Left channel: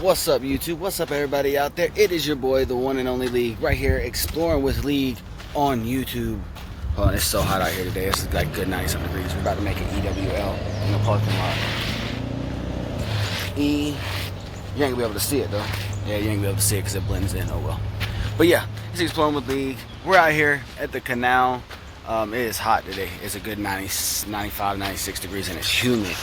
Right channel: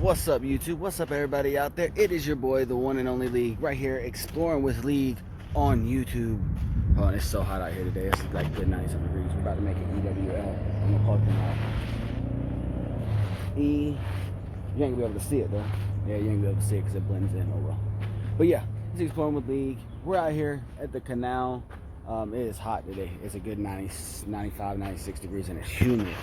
What's up, YouTube? What's up, everybody out there? It is your boy, the one and only League, right here exploring with League on YouTube. Oh, and it's so hot out here today. It's like good 90-something degrees. We're about to make an EWL in the parking lot. You ain't gonna be able to see it though. Yeah, you ain't gonna be able to see it because it blends in. Oh well. But yeah, it's exploring with League. We're out here at the canal. It is hot today. It's a good 90, 95, 96 degrees, and it's humid,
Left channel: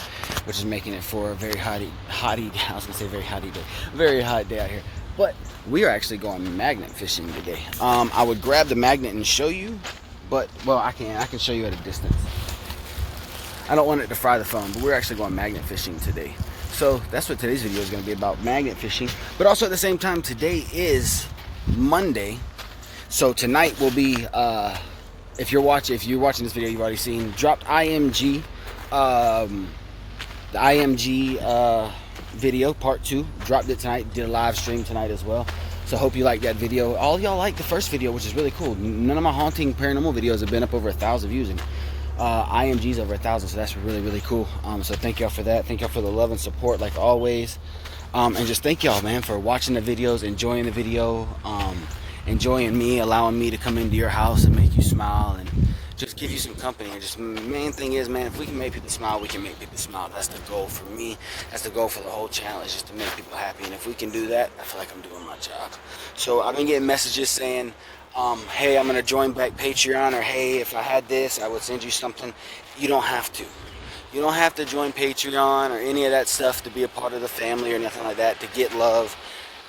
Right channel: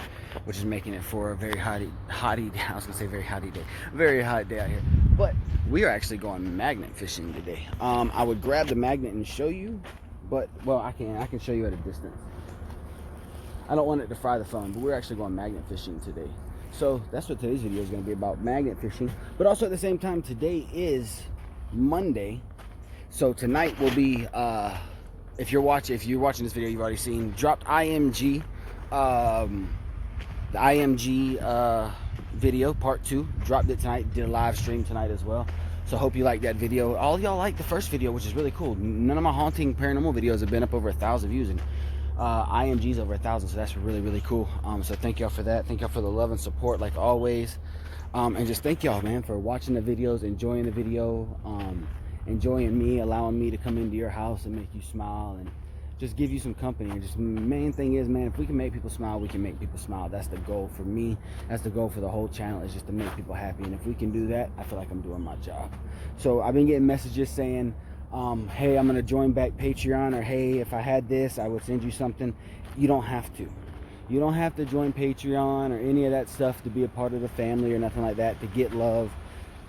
which is making it for a very hotty. I was gonna say very hotty day, very hot day out here. But we are actually going magnet fishing today. I would grab the magnet and show you, but well, I can show you at a distance. I don't want it to fry the phone, but we're actually going magnet fishing today. So that's what today's video is going to be about, magnet fishing. But also at the same time, today is Monday, so tonight will be. If you're watching this video, you've already seen dropped IMG, the IMG video part 2. Dropped it tonight. Did a live stream tonight as well. So hope you like that video. All y'all like the first video, which is really cool. None of my haunting paranormal videos have been up over 1,000 views, and IMG's over 1,000. So that's really cool. So thank y'all for that. Thank y'all for the love and support, like always. And just thank y'all, man, for watching the videos, enjoying the video. Enjoying me, allowing me to come into your house and make you smile and just give you some company. And just main thing is, man, if we can make people smile, we can make people smile. That's the goal for me. That's the goal for the whole channel, is just to make people happy. And if we can do that, I feel like I'm doing my job. So I've been getting messages saying, hey, I'm gonna join back Patreon, or hey, if I had this, I would send you something. You don't have to. You don't have to join Patreon or any of that stuff to be a part of the family or nothing like that, to get love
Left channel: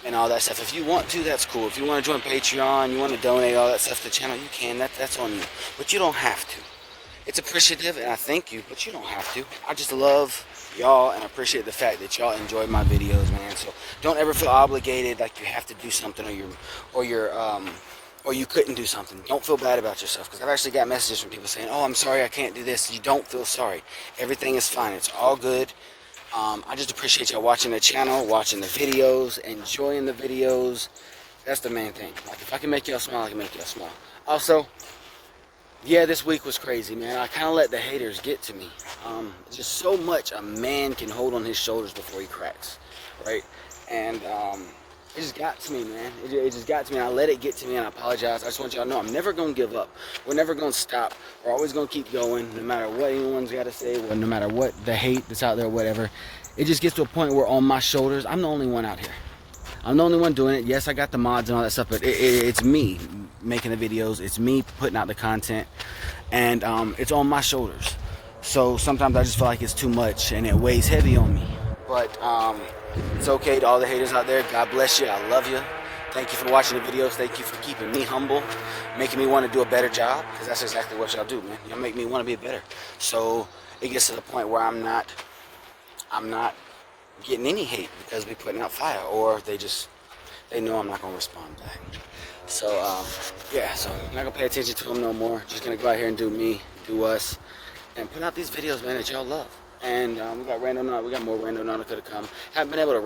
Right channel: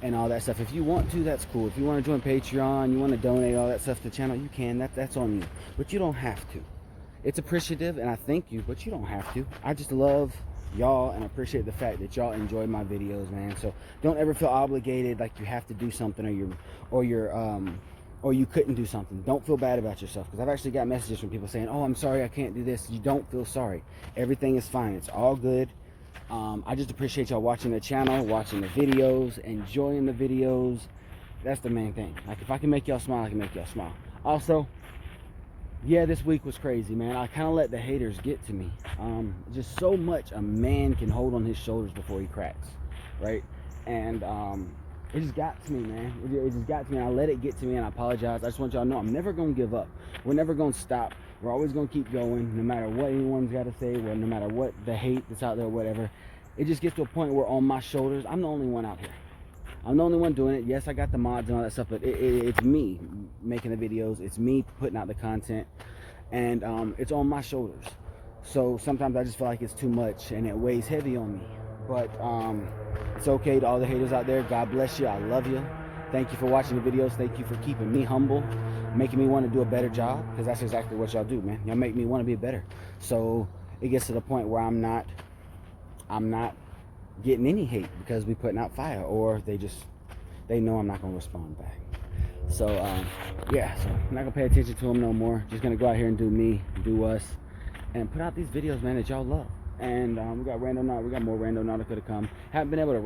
and all that stuff. If you want to, that's cool. If you want to join Patreon, you want to donate all that stuff to the channel, you can. That's on you. But you don't have to. It's appreciative, and I thank you, but you don't have to. I just love y'all and appreciate the fact that y'all enjoy my videos, man. So don't ever feel obligated like you have to do something, or you couldn't do something. Don't feel bad about yourself, because I've actually got messages from people saying, oh, I'm sorry, I can't do this. You don't feel sorry. Everything is fine. It's all good. I just appreciate y'all watching the channel, watching the videos, enjoying the videos. That's the main thing. Like, if I can make y'all smile, I can make y'all smile. Also, yeah, this week was crazy, man. I kind of let the haters get to me. Just so much a man can hold on his shoulders before he cracks, right? And it just got to me, man. It just got to me. I let it get to me, and I apologize. I just want y'all to know I'm never going to give up. We're never going to stop. We're always going to keep going, no matter what anyone's got to say, or no matter what the hate that's out there, whatever. It just gets to a point where on my shoulders, I'm the only one out here. I'm the only one doing it. Yes, I got the mods and all that stuff, but it's me making the videos. It's me putting out the content, and it's on my shoulders. So sometimes I just feel like it's too much, and it weighs heavy on me. But it's okay to all the haters out there. God bless you. I love you. Thank you for watching the videos. Thank you for keeping me humble, making me want to do a better job, because that's exactly what y'all do, man. Y'all make me want to be better. So it gets to the point where I'm not getting any hate because we putting out fire, or they know I'm not gonna respond back. So yeah, so I'm not gonna pay attention to them no more. Just gonna go out here and do me, do us, and put out these videos, man, that y'all love. And we got Randonautica. We got more Randonautica to come. Haven't been able to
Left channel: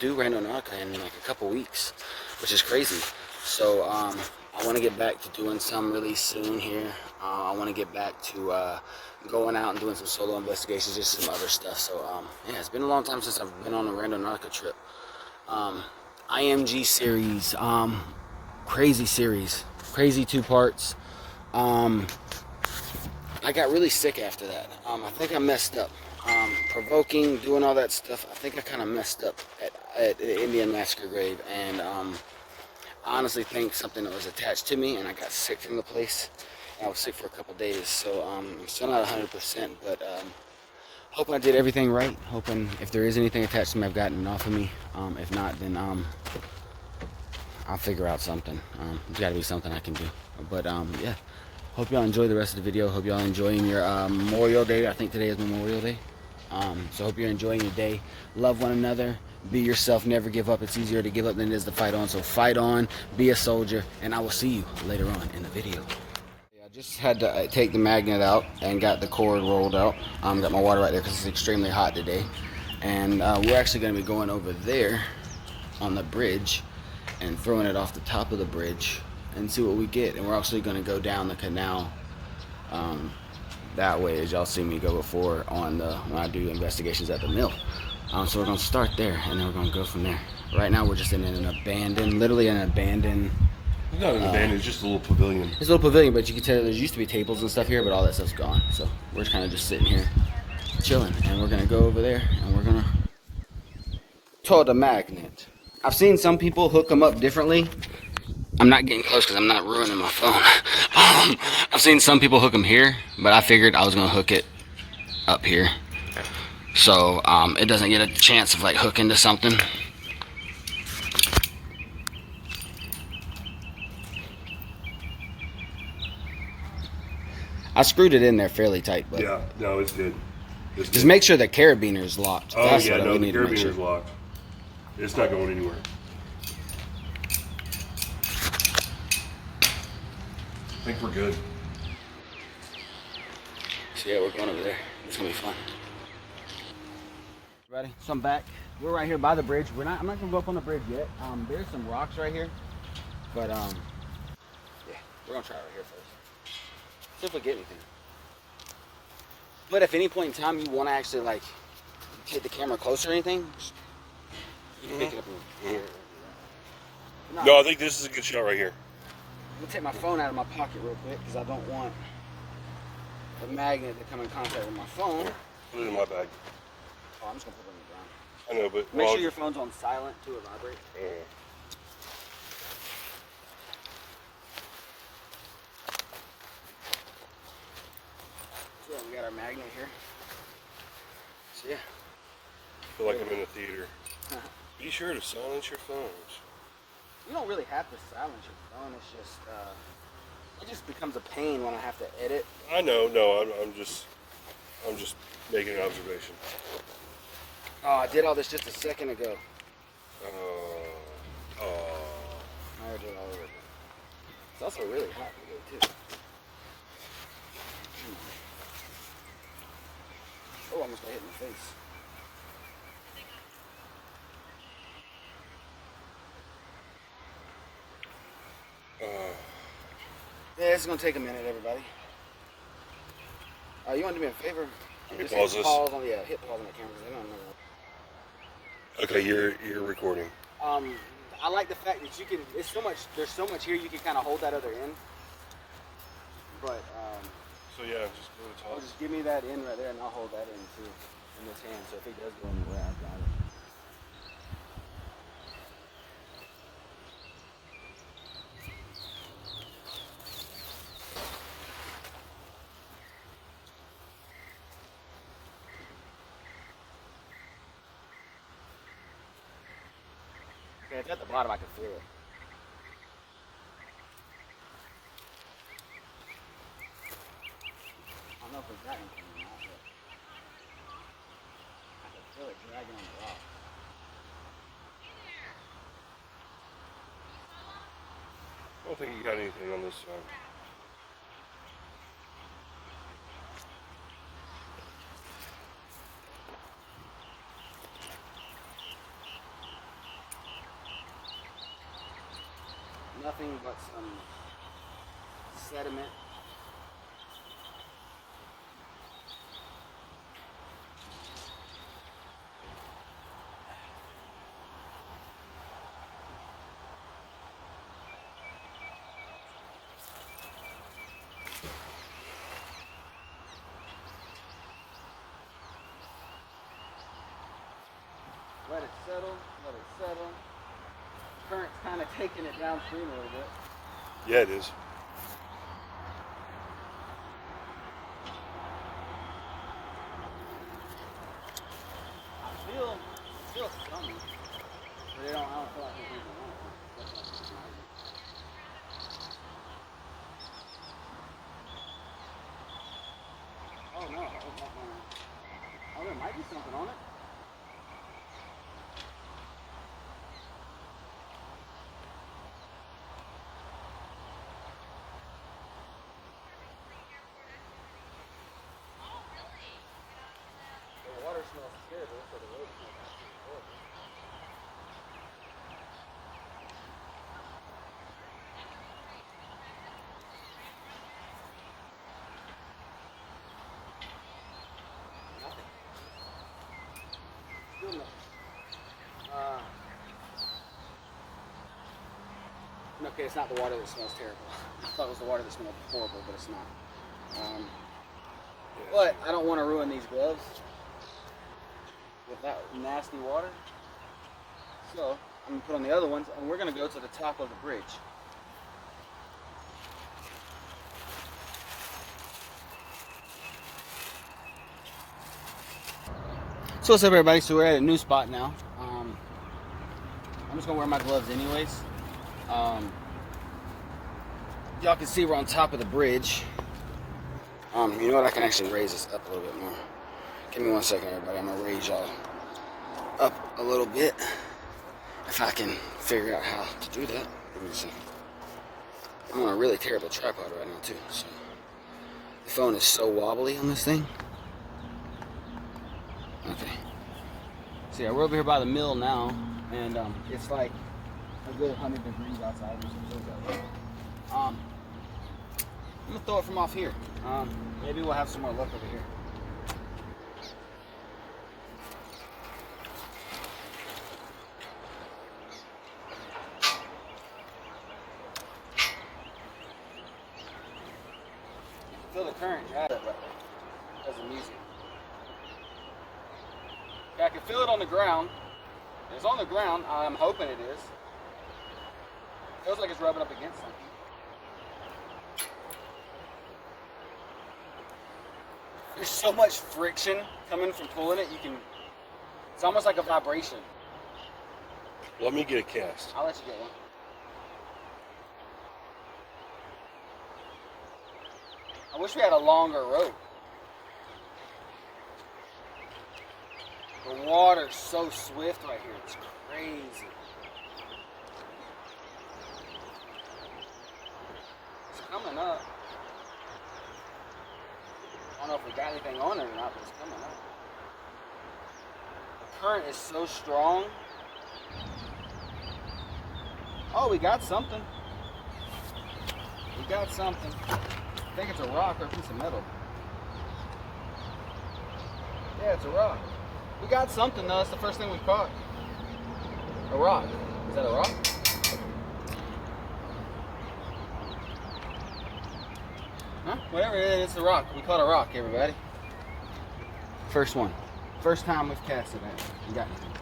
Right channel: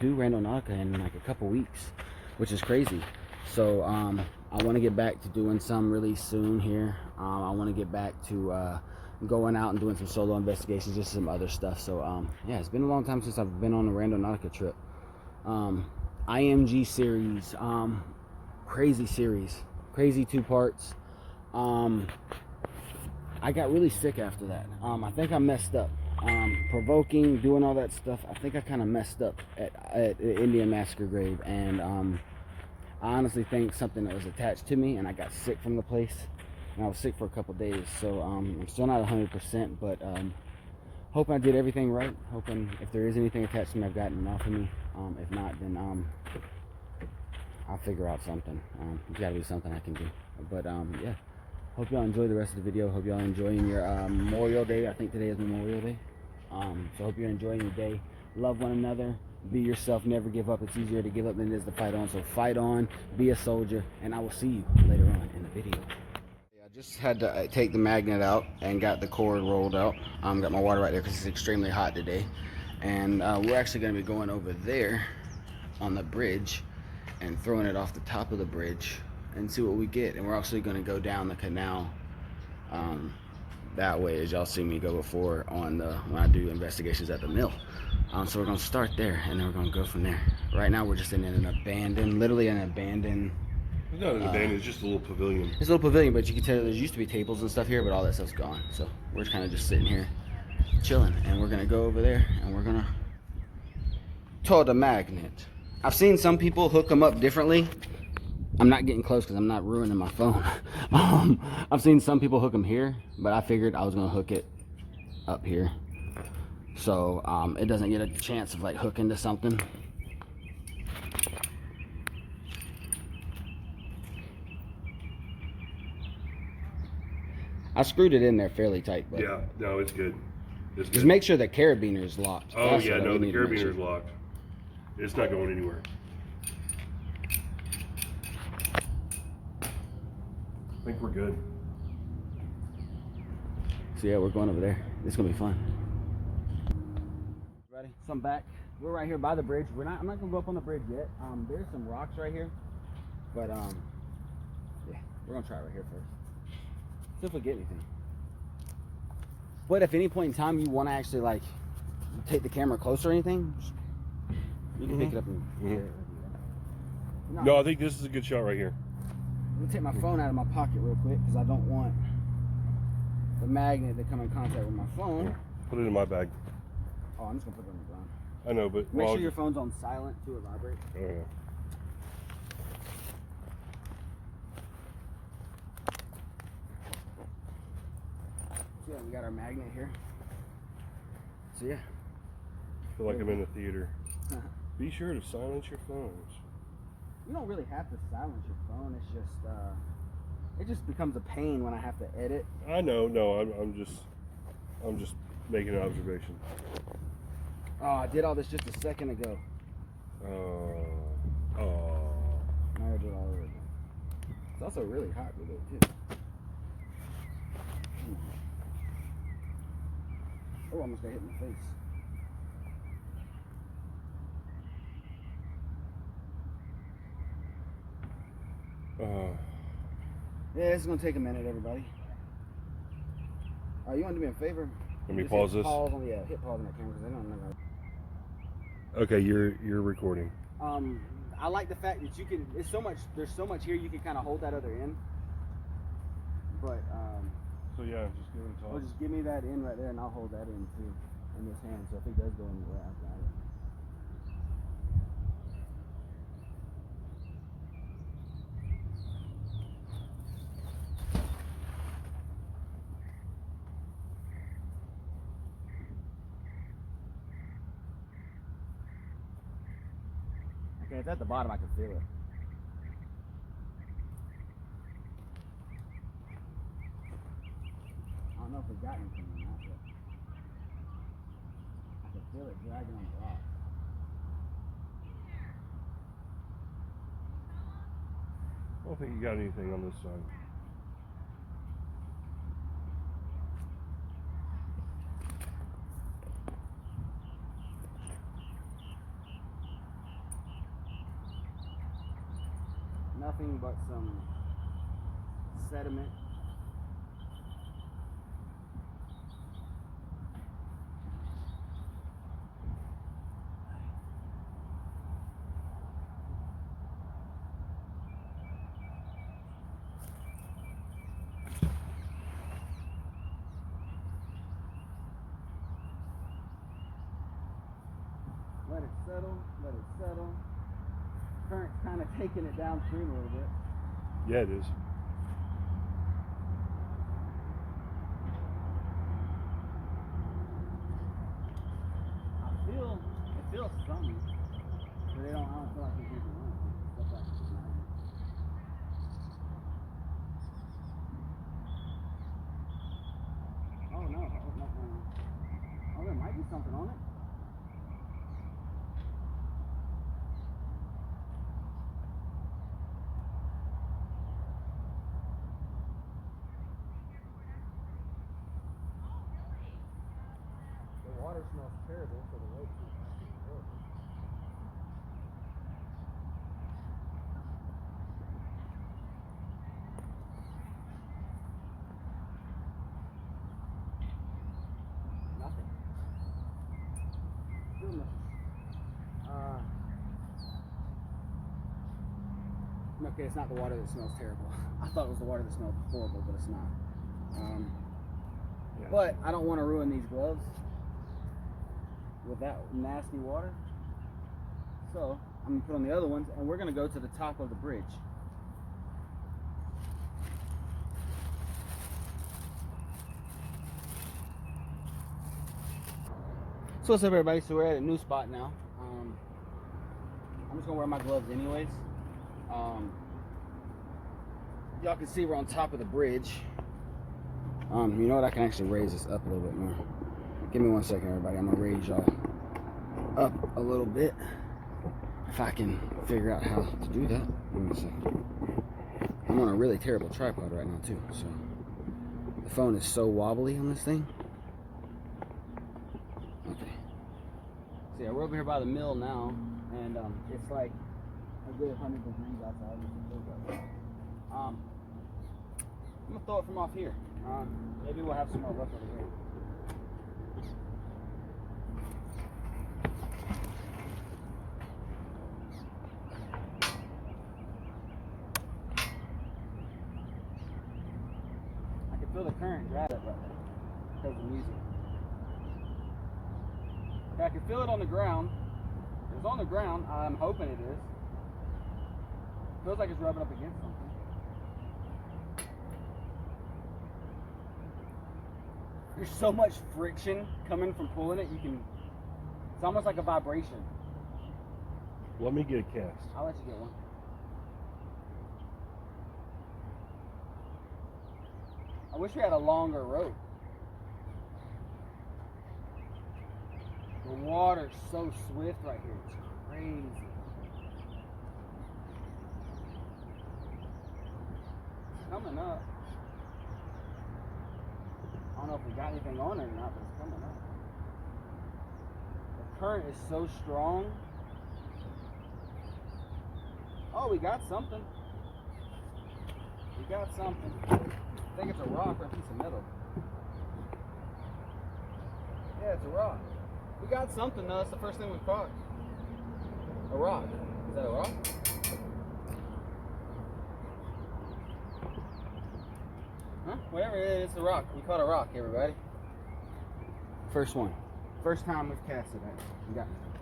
do Randonautica in like a couple weeks, which is crazy. So I want to get back to doing some really soon here. I want to get back to going out and doing some solo investigations, just some other stuff. So yeah, it's been a long time since I've been on a Randonautica trip. IMG series, crazy series, crazy 2 parts. I got really sick after that. I think I messed up. Provoking, doing all that stuff. I think I kind of messed up at the Indian Massacre grave, and I honestly think something that was attached to me, and I got sick from the place, and I was sick for a couple days. So I'm still not 100%, but hoping I did everything right. Hoping if there is anything attached to me, I've gotten it off of me. If not, then I'll figure out something. There's got to be something I can do. But yeah. Hope y'all enjoy the rest of the video. Hope y'all enjoying your Memorial Day. I think today is Memorial Day. So hope you're enjoying your day. Love one another. Be yourself. Never give up. It's easier to give up than it is to fight on. So fight on. Be a soldier. And I will see you later on in the video. I just had to take the magnet out and got the cord rolled out. Got my water right there because it's extremely hot today. And we're actually going to be going over there on the bridge and throwing it off the top of the bridge and see what we get. And we're actually going to go down the canal that way, as y'all see me go before on when I do investigations at the mill. So we're gonna start there, and then we're gonna go from there. Right now we're just in an abandoned, literally an abandoned. It's not an abandoned, it's just a little pavilion. It's a little pavilion, but you can tell there used to be tables and stuff here, but all that stuff's gone. So we're kind of just sitting here, chilling, and we're gonna go over there, and we're gonna tow the magnet. I've seen some people hook them up differently. I'm not getting close because I'm not ruining my phone. I've seen some people hook them here, but I figured I was gonna hook it up here, so it doesn't get a chance of like hooking to something. I screwed it in there fairly tight, but Yeah, no, it's good. Just make sure the carabiner is locked. Oh That's yeah, what no, we the need to make carabiner sure. is locked. It's not going anywhere. I think we're good. So yeah, we're going over there. It's gonna be fun. Ready? So I'm back. We're right here by the bridge. I'm not gonna go up on the bridge yet. There's some rocks right here, but yeah, we're gonna try it right here first. See if we get anything. But if any point in time you want to actually like take the camera closer or anything, you can pick it up and No, I think this is a good shot right here. I'm gonna take my phone out of my pocket real quick because I don't want the magnet to come in contact with my phone. Put it in my bag. Oh, I'm just gonna put it on the ground. I know, but Make sure your phone's on silent to it vibrate. So yeah, we got our magnet here. So yeah. I feel like I'm in a theater. Be sure to silence your phones. You don't really have to silence your phone. It's just it just becomes a pain when I have to edit. I know, no, I'm just making an observation. Oh, I did all this just a second ago. Oh. Now I do it all over again. It's also really hot today too. Oh, I almost got hit in the face. Yeah, this is gonna take a minute, everybody. You want to do me a favor? Let me Just pause hit this. Pause on, yeah, hit pause on that camera because I'm not gonna. Okay, you're recording. I like the fact that you can. There's so much here you can kind of hold that other end. But So yeah, just go to the top. just give me that end right there, and I'll hold that end too in this hand. So if it does go anywhere, I've got it. Okay, it's at the bottom. I can feel it. I don't know if we got anything or not, but I can feel it dragging on the rock. I don't think you got anything on this side. Nothing but some sediment. Let it settle, let it settle. Current's kind of taking it downstream a little bit. Yeah, it is. I feel some, but I don't feel like there's anything on it. That's like it's magnet. Oh no, oh there might be something on it. The water smells terrible, so the road smells absolutely horrible. Nothing. Still Okay, it's not the water that smells terrible. I thought it was the water that smelled horrible, but it's not. But I don't want to ruin these gloves with that nasty water. So I'm gonna put on the other ones, and we're gonna go to the top of the bridge. So what's up, everybody? So we're at a new spot now. I'm just gonna wear my gloves anyways. Y'all can see we're on top of the bridge. You know what? I can actually raise this up a little bit more. Give me 1 second, everybody. I'm gonna raise y'all up a little bit. If I can figure out how to do that. Give me a second. I'm on a really terrible tripod right now too, so the phone is so wobbly on this thing. Okay. So yeah, we're over here by the mill now, and it's like a good 100 degrees outside. I'm gonna throw it from off here. Maybe we'll have some more luck over here. You can feel the current drive right there because of music. Yeah, I can feel it on the ground. It's on the ground. I'm hoping it is. Feels like it's rubbing up against something. There's so much friction coming from pulling it, it's almost like a vibration. Let me get a cast. I'll let you get one. I wish we had a longer rope. The water's so swift right here, it's crazy. It's coming up. I don't know if we got anything on it or not, but it's coming up. The current is so strong. Oh, we got something. We got something. I think it's a rock or a piece of metal. Yeah, it's a rock. We got something though. That's the first thing we caught. A rock. Is that a rock? Huh? Whatever it is, it's a rock. We caught a rock, everybody. First one. First time we've casted it. We got anything.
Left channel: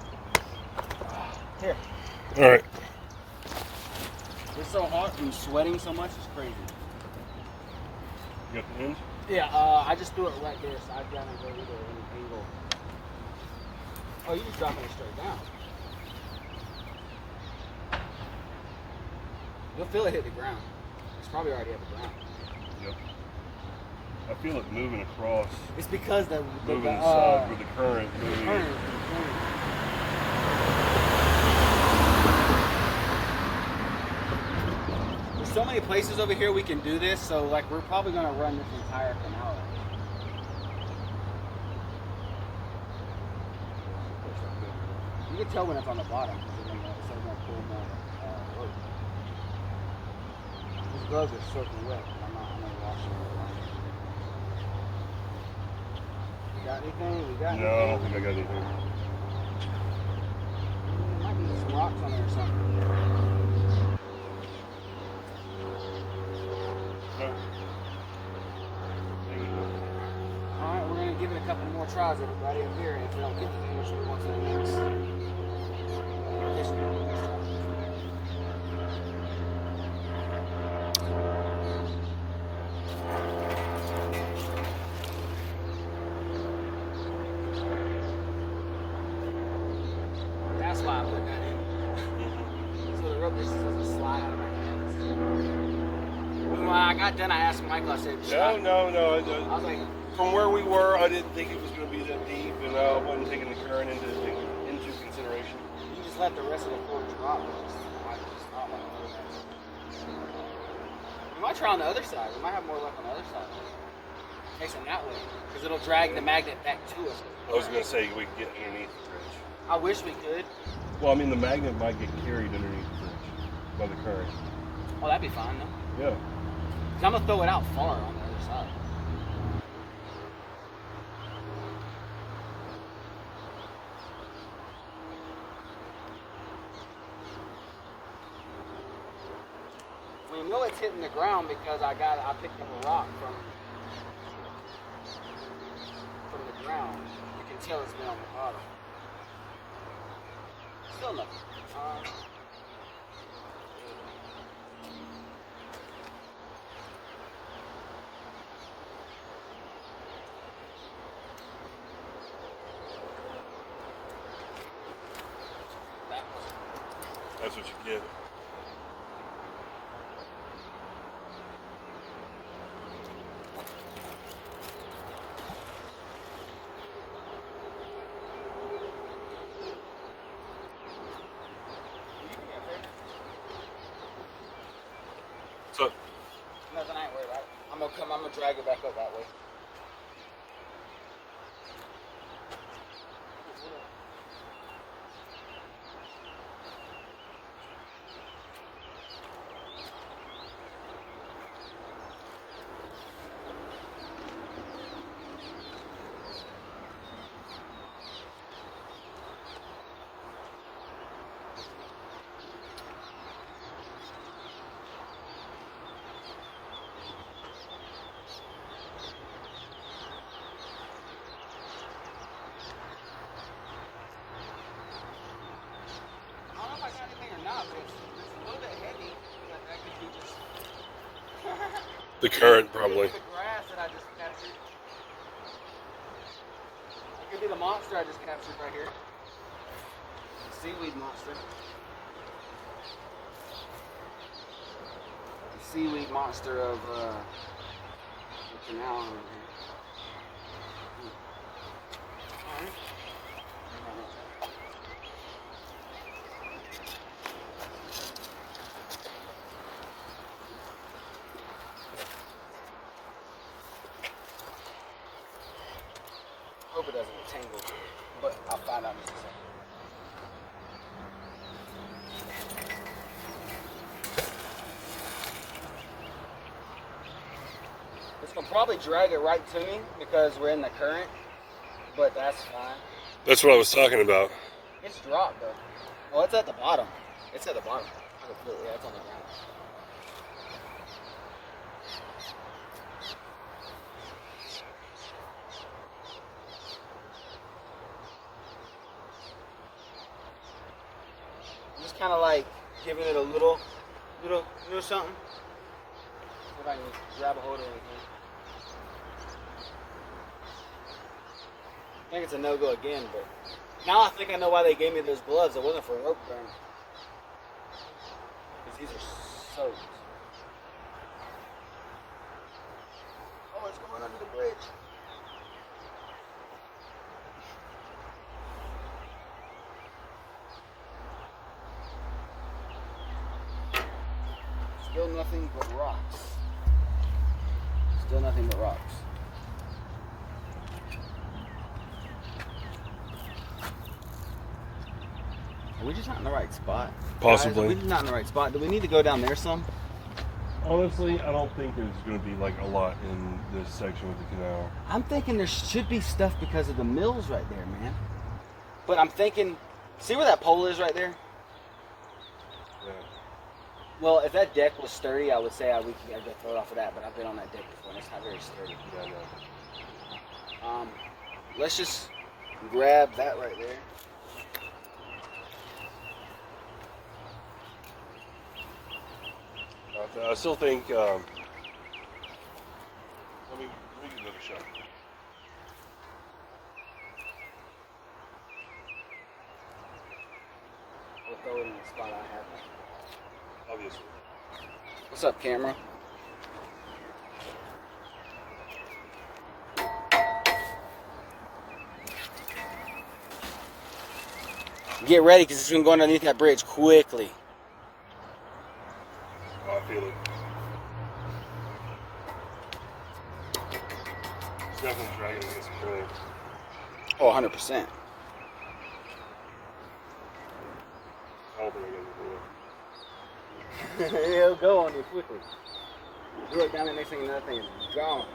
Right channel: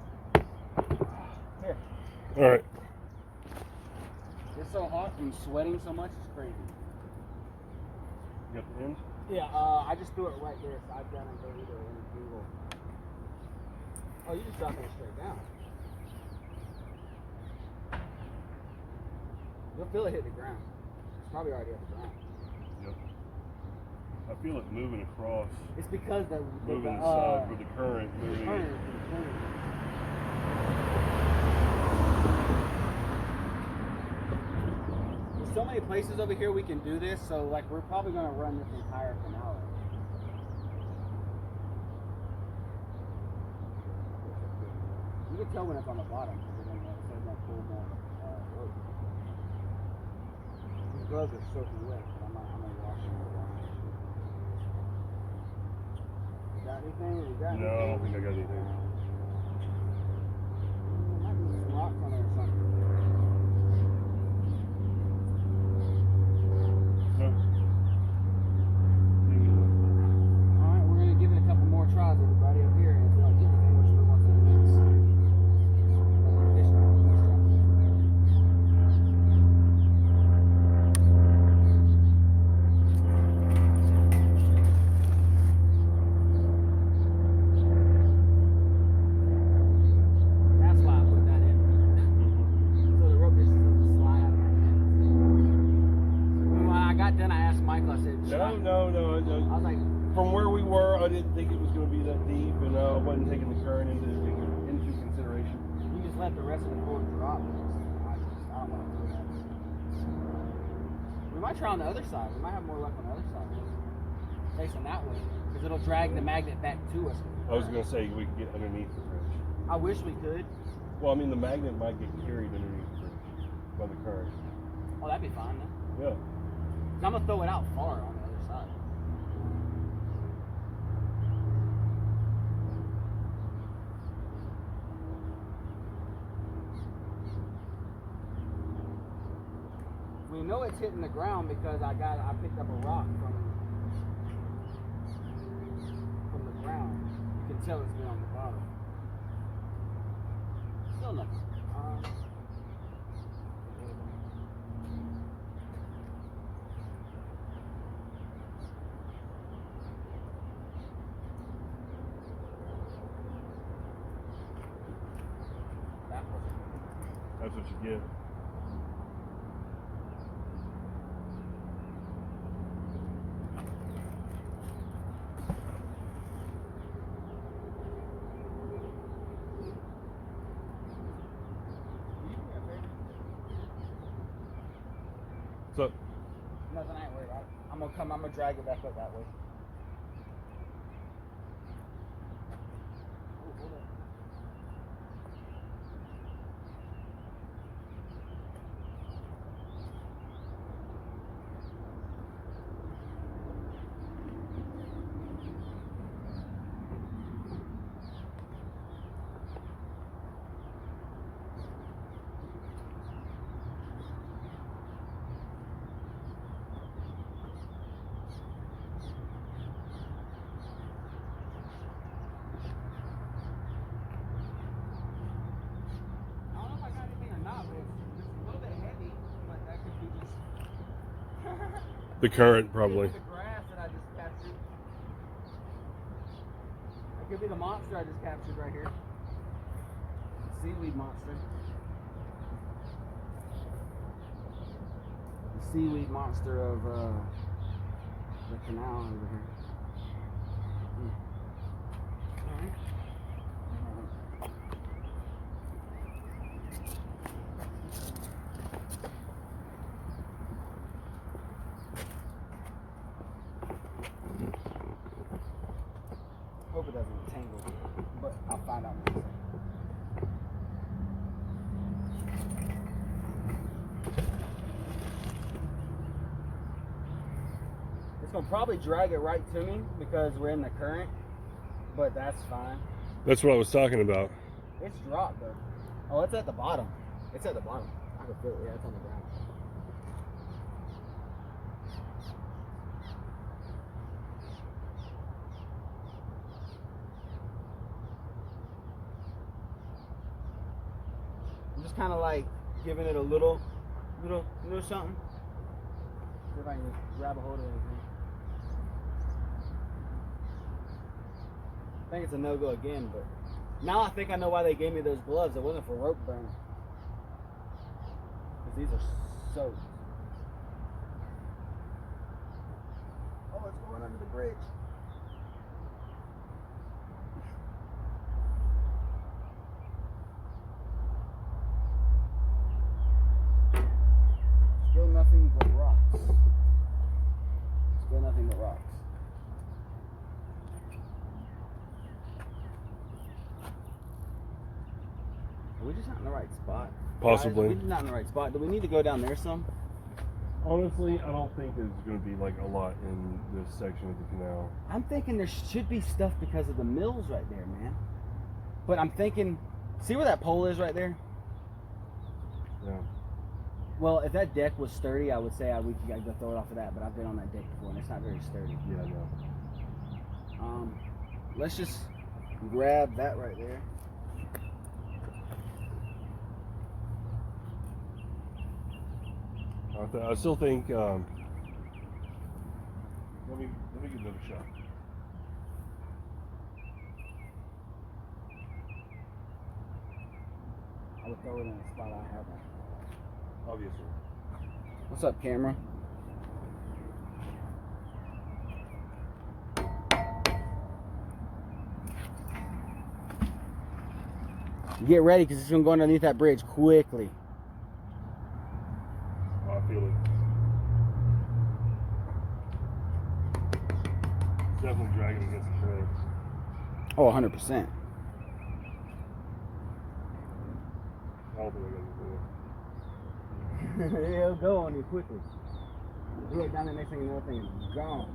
Here. All right. It's so hot and sweating so much, it's crazy. You got the hinge? Yeah, I just threw it right there, so I've got to go either any angle. Oh, you just dropping it straight down. You'll feel it hit the ground. It's probably already at the ground. Yep. I feel it moving across. It's because the moving inside with the current moving. There's so many places over here we can do this, so like we're probably gonna run this entire canal. You can tell when it's on the bottom because it's gonna pull more rope. These gloves are soaking wet, but I'm gonna wash them. We got anything? We got anything? No, I don't think I got anything. There might be some rocks on there or something. No. Alright, we're gonna give it a couple more tries, everybody, up here, and if we don't get anything, we'll move on to the next. That's why I put that in. So the rope just doesn't slide out of my hands. When I got done, I asked Michael, I said, No. I was like, From where we were, I didn't think it was going to be that deep, and I wasn't taking the current into consideration. you just let the rest of the cord drop. I don't know. We might try on the other side. We might have more luck on the other side. Facing that way. Because it'll drag the magnet back to us. I was going to say we could get underneath the bridge. I wish we could. Well, I mean, the magnet might get carried underneath the bridge by the current. Oh, that'd be fine, though. Yeah. 'Cause I'm going to throw it out far on the other side. You know it's hitting the ground because I picked up a rock from the ground. You can tell it's been on the bottom. Still nothing. That's what you get. What's up? Nothing, I ain't worried about it. I'm gonna drag it back up that way. The current, probably. The grass that I just captured. That could be the monster I just captured right here. The seaweed monster. The seaweed monster of the canal over here. Alright. Hope it doesn't get tangled, but I'll find out in just a second. It's gonna probably drag it right to me because we're in the current, but that's fine. That's what I was talking about. It's dropped though. Oh, it's at the bottom. It's at the bottom. I can feel it. Yeah, it's on the ground. Just kind of like giving it a little something. See if I can grab a hold of anything. I think it's a no-go again, but now I think I know why they gave me those gloves. It wasn't for rope burn. Because these are soaked. Oh, it's going under the bridge. Still nothing but rocks. Still nothing but rocks. Are we just not in the right spot? Possibly. Guys, are we just not in the right spot? Do we need to go down there some? Honestly, I don't think there's going to be like a lot in this section with the canal. I'm thinking there should be stuff because of the mills right there, man. But I'm thinking, see where that pole is right there? Yeah. Well, if that deck was sturdy, I would say we could go throw it off of that, but I've been on that deck before and it's not very sturdy. Yeah, I know. Let's just grab that right there. I still think. Let me get another shot. I would throw it in the spot I had one. Obviously. What's up, camera? Get ready, because it's going to go underneath that bridge quickly. Oh, I feel it. It's definitely dragging against the current. Oh, 100%. I don't think I got It'll go on you quickly. Do it down there, next thing, another thing is gone.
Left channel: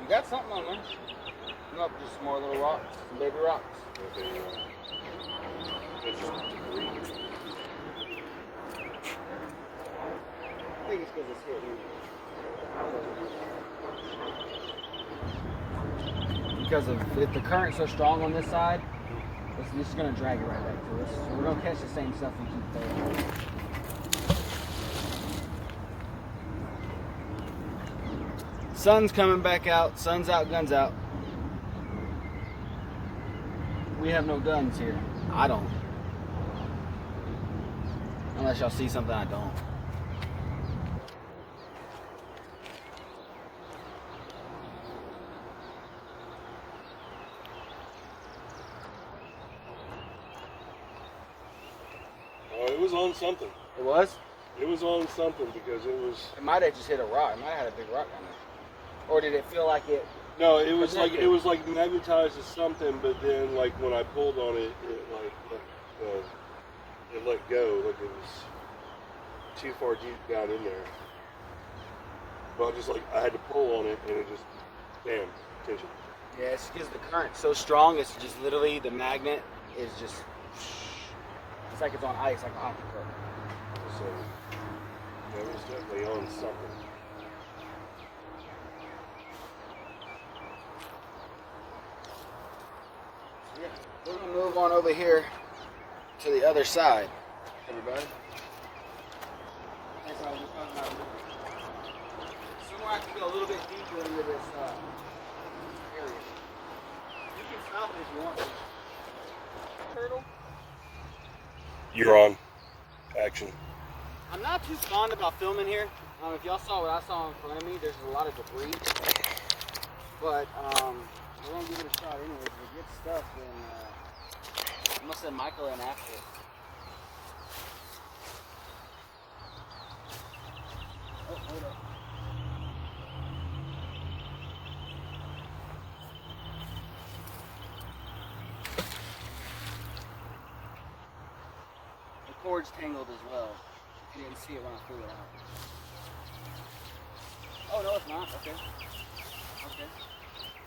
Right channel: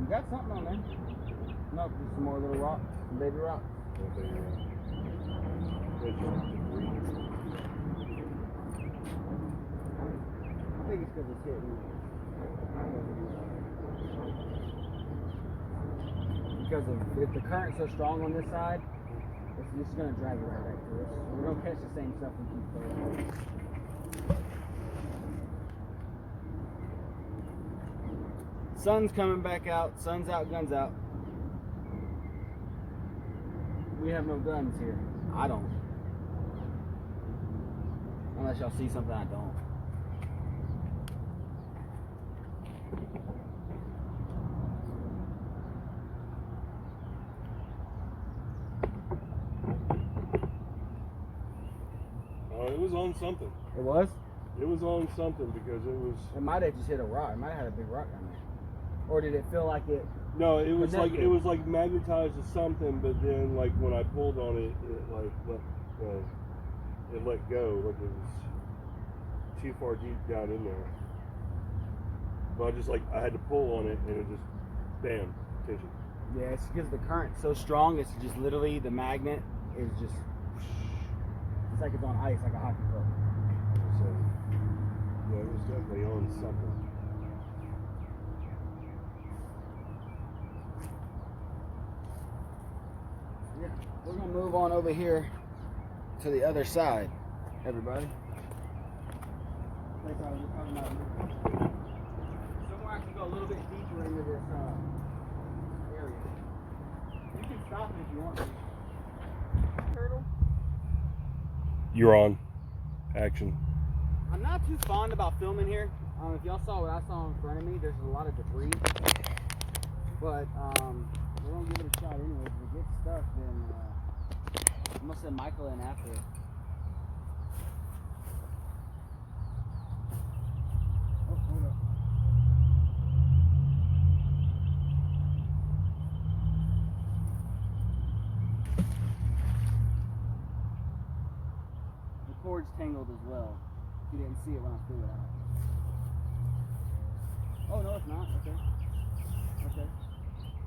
You got something on there. Nope, just some more little rocks, some baby rocks. It's just debris. because it's hitting. Because if the current's so strong on this side, it's just going to drag it right back to us. So we're going to catch the same stuff we keep throwing. Sun's coming back out. Sun's out, guns out. We have no guns here. I don't. Unless y'all see something I don't. Oh, it was on something. It was? It was on something because it was. It might have just hit a rock. It might have had a big rock down there. Or did it feel like it? No, it was like magnetized to something, but then like when I pulled on it, it let go, like it was too far deep down in there. But I had to pull on it, and it just, damn, tension. Yeah, it's because the current's so strong. It's just literally the magnet is just. It's like it's on ice, like a hockey puck. So yeah, it was definitely on something. Yeah, we're gonna move on over here to the other side, everybody. That's what I was just talking about. Somewhere I can go a little bit deeper into this area. You can stop it if you want to. Turtle. You're on. Action. I'm not too fond about filming here. If y'all saw what I saw in front of me, there's a lot of debris. But we're gonna give it a shot anyways. If we get stuff, then I'm gonna send Michael in after it. Oh, hold up. The cord's tangled as well. If you didn't see it when I threw it out. Oh no, it's not. Okay. Okay.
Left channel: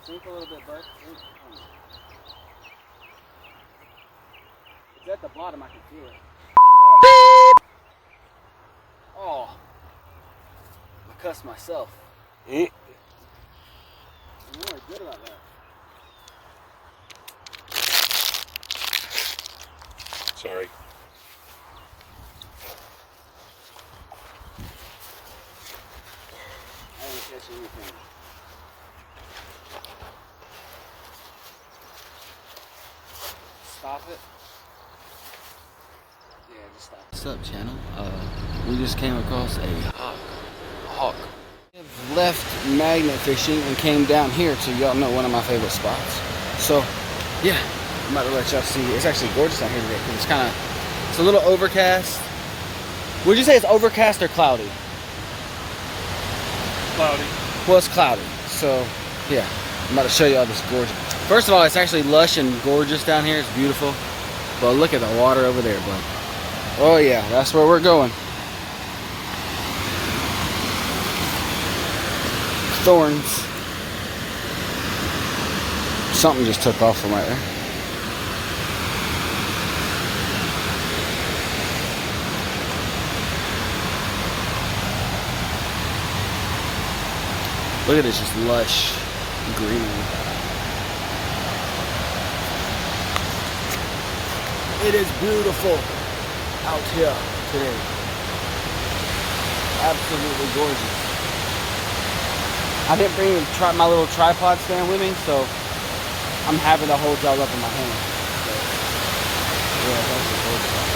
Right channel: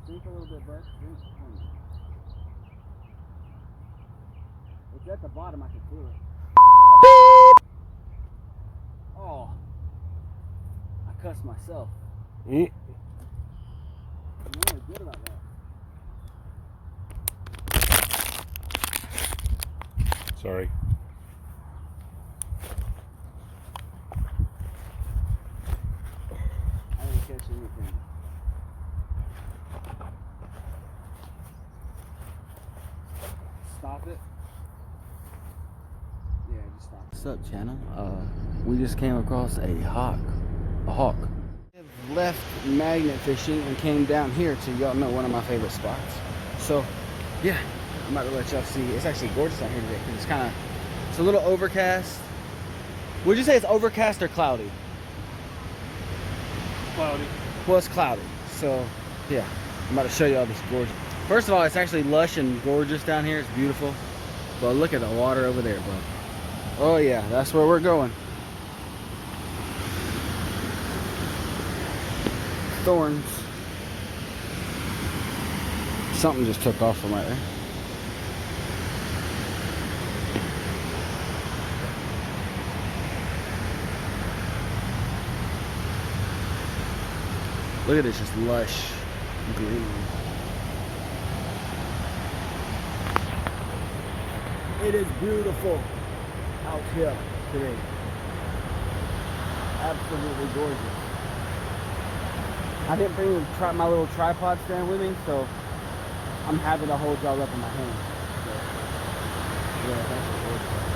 Sink a little bit, Bert. It's at the bottom, I can feel it. Beep! Oh. I cussed myself. I'm really good about that. Sorry. I didn't catch anything. Stop it. Yeah, just stop. What's up, channel? We just came across a hawk. We have left magnet fishing and came down here to, y'all know, one of my favorite spots. So, yeah, I'm about to let y'all see. It's actually gorgeous out here today because it's a little overcast. Would you say it's overcast or cloudy? Cloudy. Well, it's cloudy. So, yeah, I'm about to show y'all this gorgeous. First of all, it's actually lush and gorgeous down here. It's beautiful. But look at the water over there, bud. Oh yeah, that's where we're going. Thorns. Something just took off from right there. Look at this, just lush greenery. It is beautiful out here today. Absolutely gorgeous. I didn't bring my little tripod stand with me, so I'm having to hold y'all up in my hand. So, yeah, that's just gorgeous.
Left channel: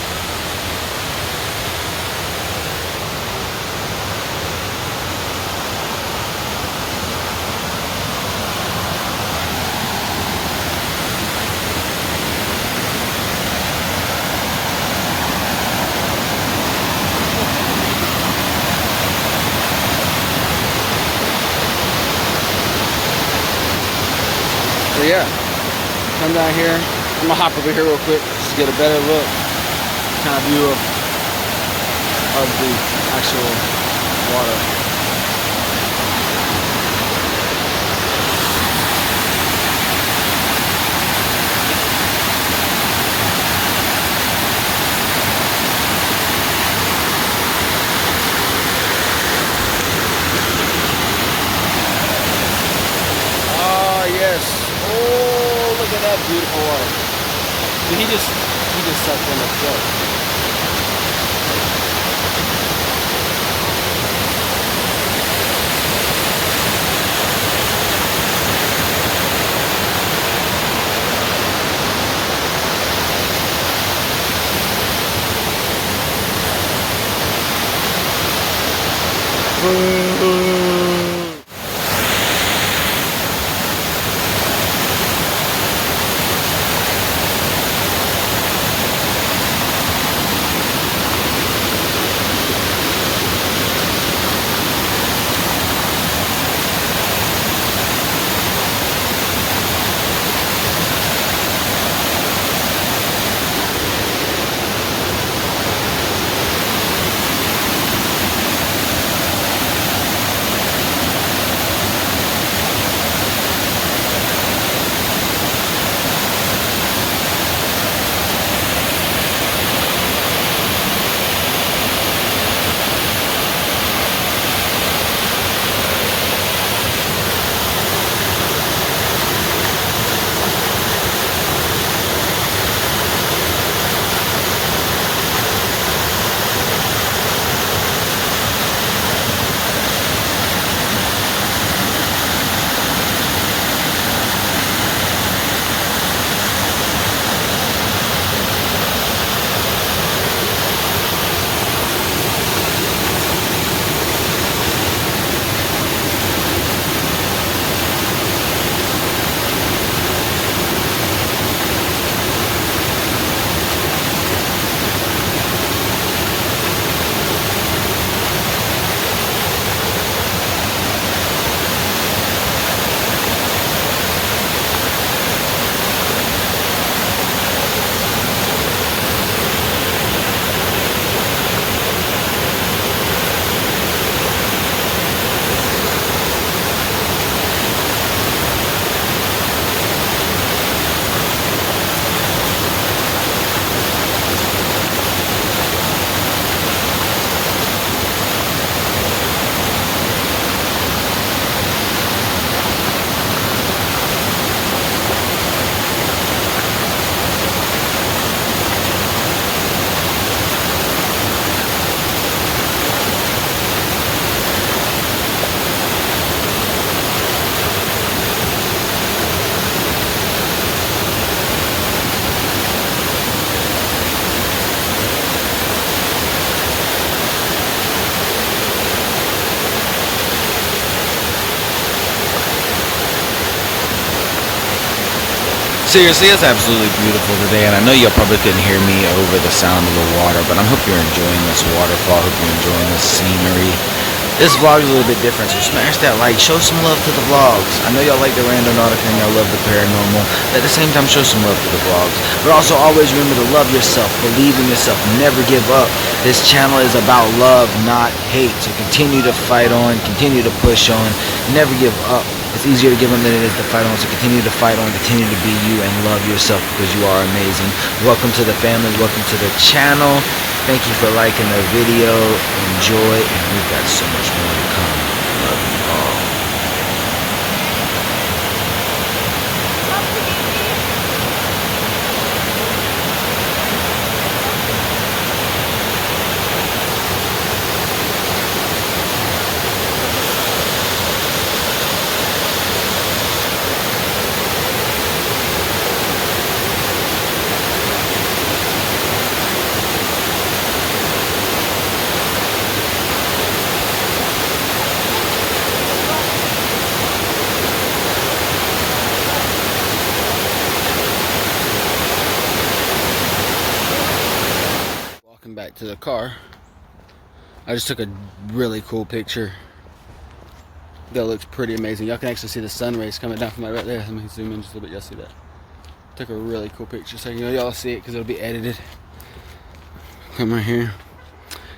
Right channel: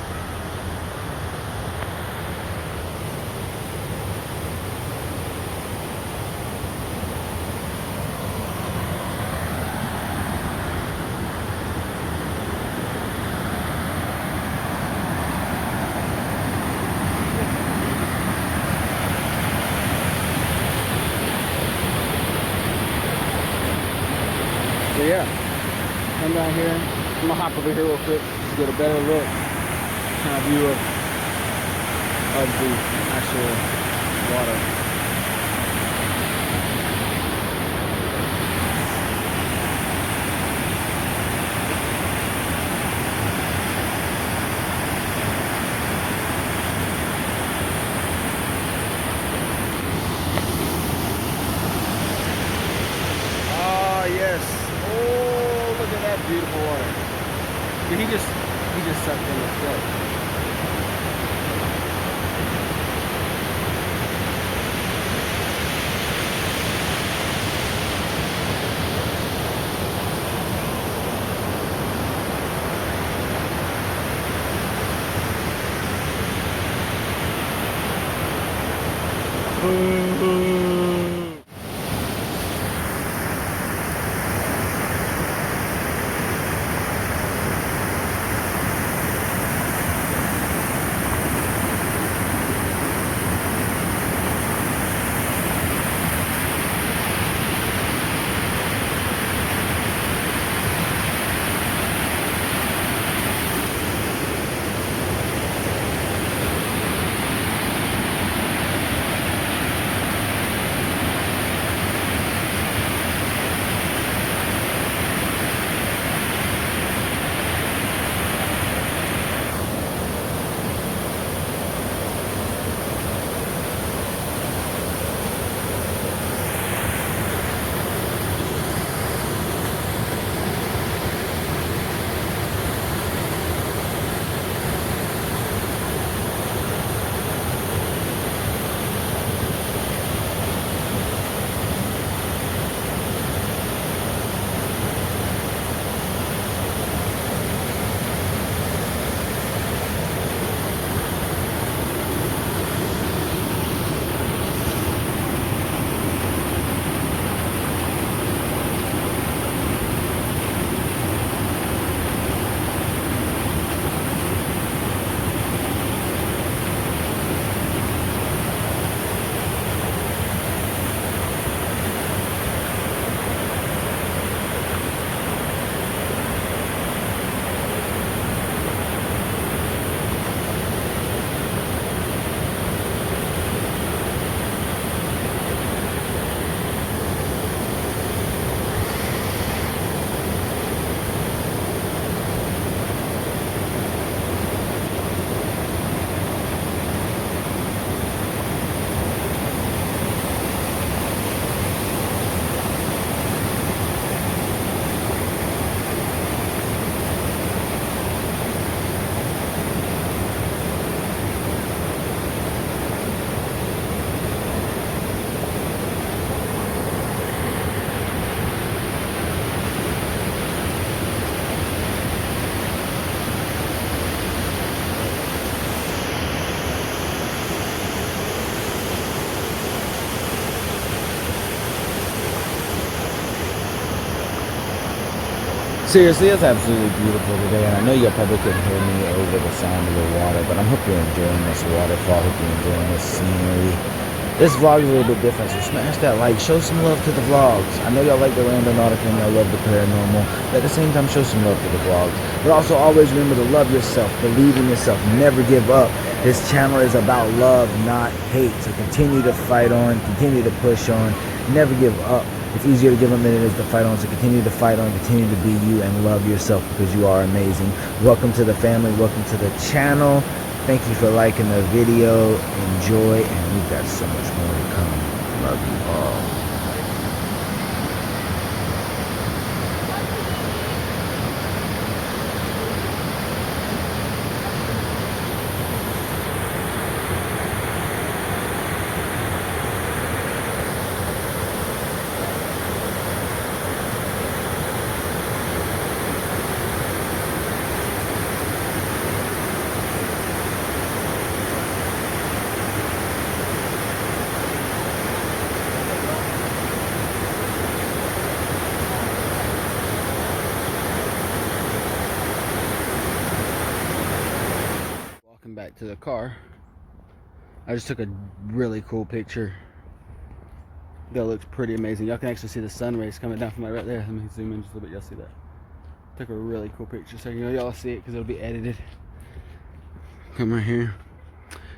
So yeah, come down here. I'm gonna hop over here real quick just to get a better look, kind of view of the actual water. Dude, he just sucked in the floor. Seriously, it's absolutely beautiful today, and I know y'all probably couldn't hear me over the sound of the water, but I hope you're enjoying this waterfall. I hope you're enjoying this scenery. This vlog is a little bit different, so smash that like, show some love to the vlogs. I know y'all like the Randonautica and y'all love the paranormal, but at the same time, show some love to the vlogs. But also always remember to love yourself, believe in yourself, never give up. This channel is about love, not hate, so continue to fight on, continue to push on, never give up. It's easier to give up than it is to fight on, so continue to fight on, continue to be you, and love yourself because you are amazing. Welcome to the family, welcome to the channel. Thank you for liking the video. Enjoy, and we've got so much more to come. Love you all. Back to the car. I just took a really cool picture that looks pretty amazing. Y'all can actually see the sun rays coming down from right there. Let me zoom in just a little bit. Y'all see that? Took a really cool picture, so y'all see it because it'll be edited. Come right here.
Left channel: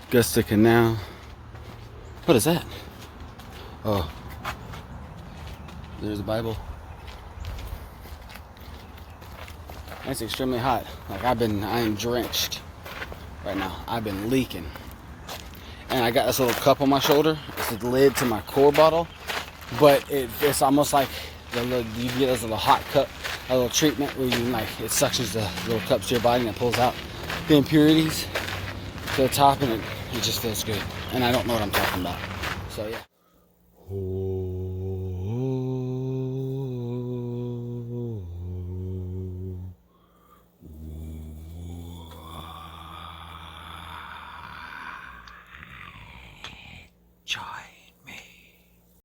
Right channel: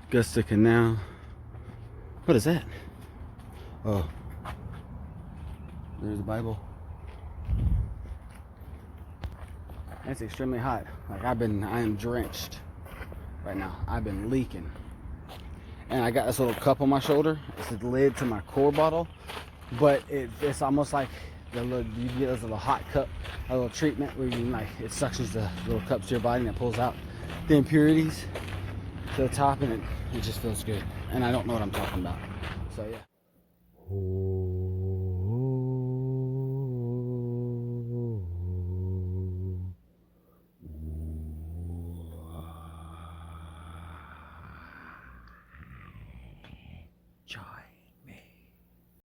Augusta Canal. What is that? Oh, there's the Bible. It's extremely hot. Like I am drenched right now. I've been leaking. And I got this little cup on my shoulder. It's the lid to my core bottle. But it's almost like you get this little hot cup a little treatment where you like it suctions the little cups to your body and it pulls out the impurities to the top, and it just feels good. And I don't know what I'm talking about. So yeah.